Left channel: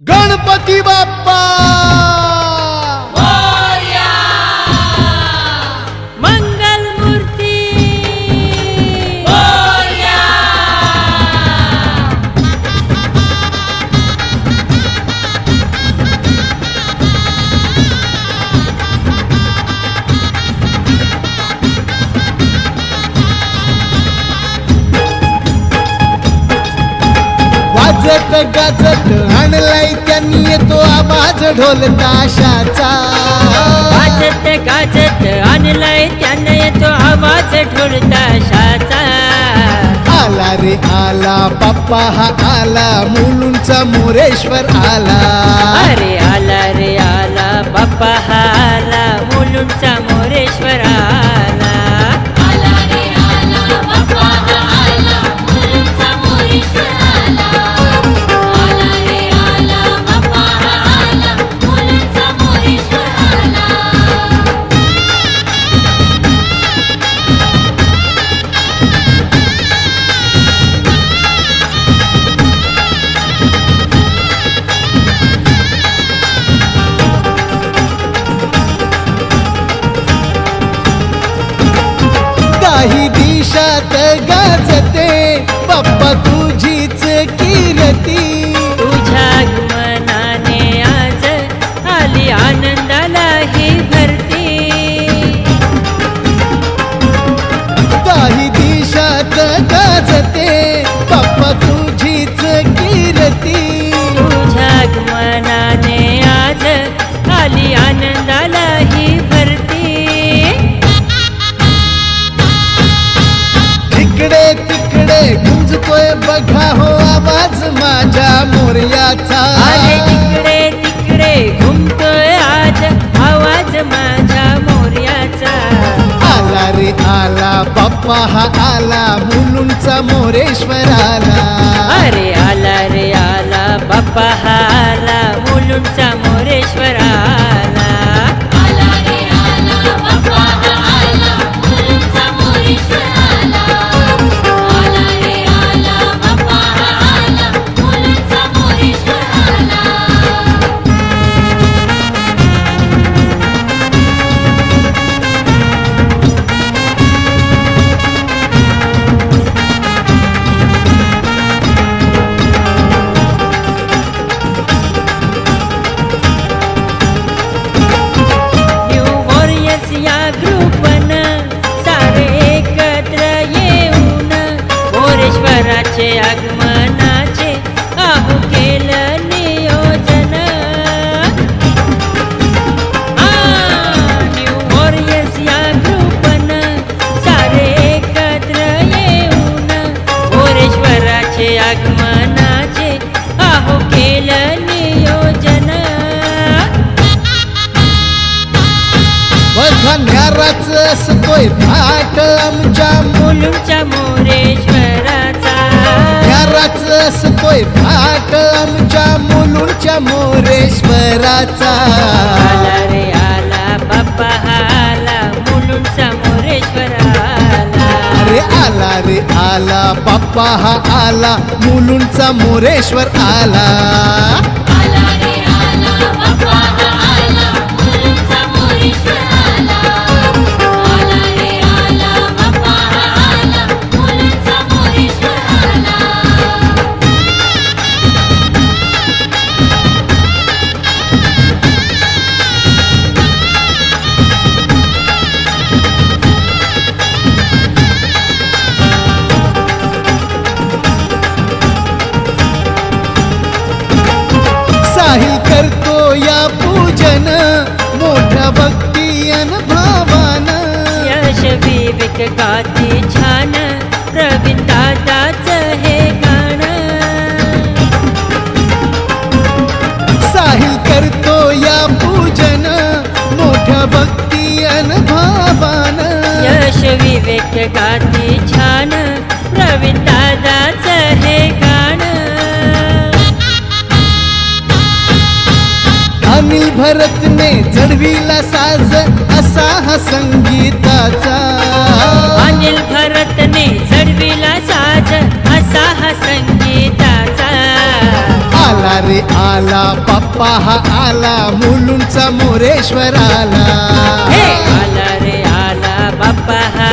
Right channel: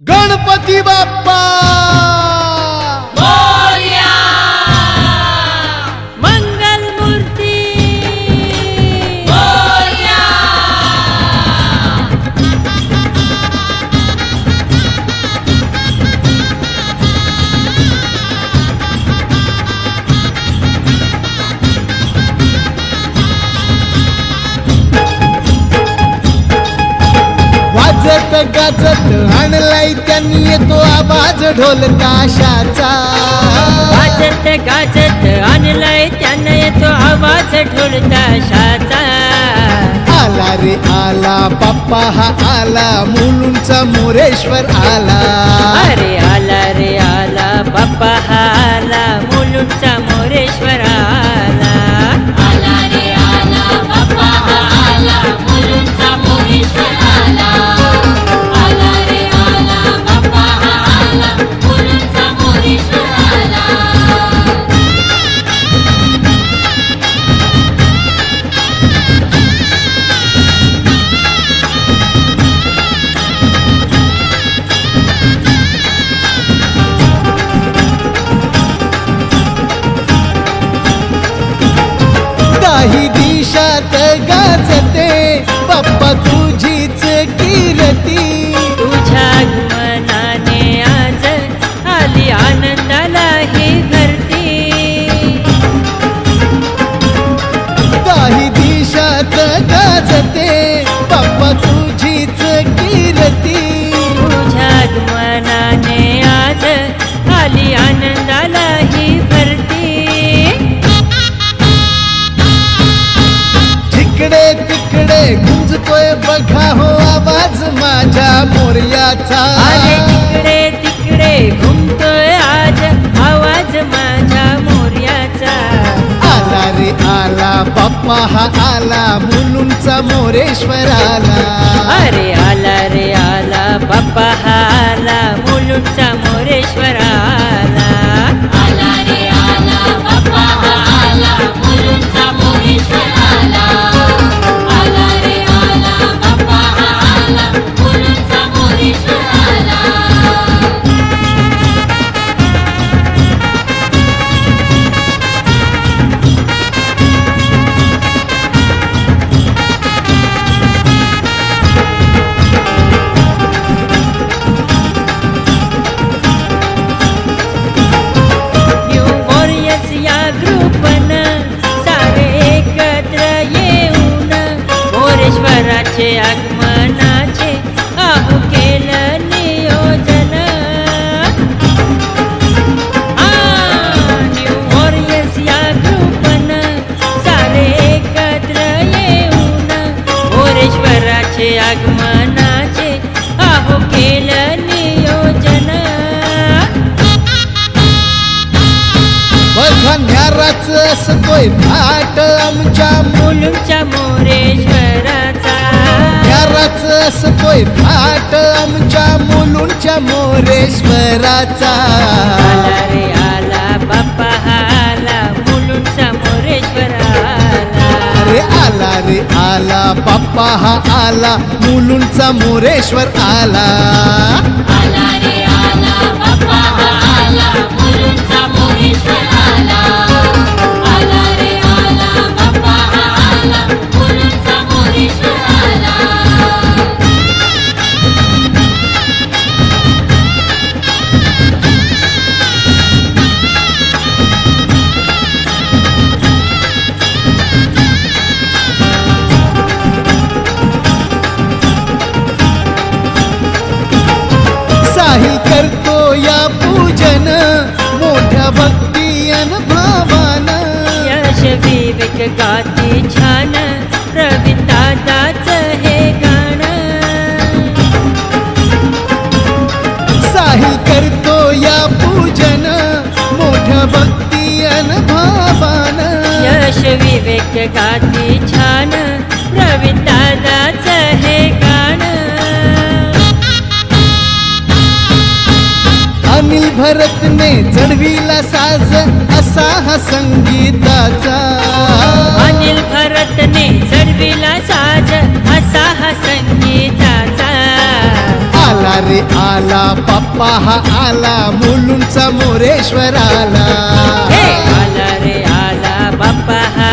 गणपती बाप्पा मोरया, मंगल मूर्ती मोरया। वाजत गाजत आणलाय त्यांनी येतो आवाज ढोल ताशाचा। वाजत गाजत आणलाय त्यानं येतो आवाज ढोल ताशाचा। आला रे आला बाप्पा हा आला, मुलुंडचा मोरेश्वर आला। अरे आला रे आला बाप्पा हा आला, मुलुंडचा मोरेश्वर आला। आला रे आला बाप्पा हा आला, मुलुंडचा मोरेश्वर आला। आला रे आला बाप्पा हा आला, मुलुंडचा मोरेश्वर आला। दाही दिशात गाजते बाप्पा तुझीच कीर्ती। तुझ्या आगमनाने आज आली आनंदाला ही भरती। दाही दिशात गाजते बाप्पा तुझीच कीर्ती। तुझ्या आगमनाने आज आली आनंदाला ही भरती। तिकडे तिकडे गुंजतोय बघा हो आवाज माझ्या मोरयाचा। अरे तिकडे तिकडे घुमतोय आज आवाज माझ्या मोरयाचा। आला रे आला बाप्पा हा आला, मुलुंडचा मोरेश्वर आला। अरे आला रे आला बाप्पा हा आला, मुलुंडचा मोरेश्वर आला। आला रे आला बाप्पा हा आला, मुलुंडचा मोरेश्वर आला। आला रे आला बाप्पा हा आला, मुलुंडचा मोरेश्वर आला। न्यू वॉरियर्स या ग्रुपनं सारे एकत्र येऊन मोरेश्वराचे आगमनाचे आहो केलं नियोजन। न्यू वॉरियर्स या ग्रुपनं सारे एकत्र येऊन मोरेश्वराचे आगमनाचे आहो केलं नियोजन। बघा न्याराच असतोय थाट आमच्या मुलुंडच्या मोरेश्वराचा। न्याराच असतोय थाट आमच्या मुलुंडच्या मोरेश्वराचा। आला रे आला बाप्पा हा आला, मुलुंडचा मोरेश्वर आला। अरे आला रे आला बाप्पा हा आला, मुलुंडचा मोरेश्वर आला। आला रे आला बाप्पा हा आला, मुलुंडचा मोरेश्वर आला। आला रे आला बाप्पा हा आला, मुलुंडचा मोरेश्वर आला। साहिल करतो या पूजन मोठ्या भक्ती अन भावानं। यश विवेक गाती छान, प्रवीण दादाचं हे गाणं। साहिल करतो या पूजन मोठ्या भक्ती अन भावानं। यश विवेक गाती छान, प्रवीण दादाचं हे गाणं। अनिल भरतने चढविला साज असा हा संगीताचा। अनिल भरतने चढविला साज असा हा संगीताचा। आला रे आला बाप्पा हा आला मुलुंडचा मोरेश्वर आला हे आला रे आला बाप्पा हा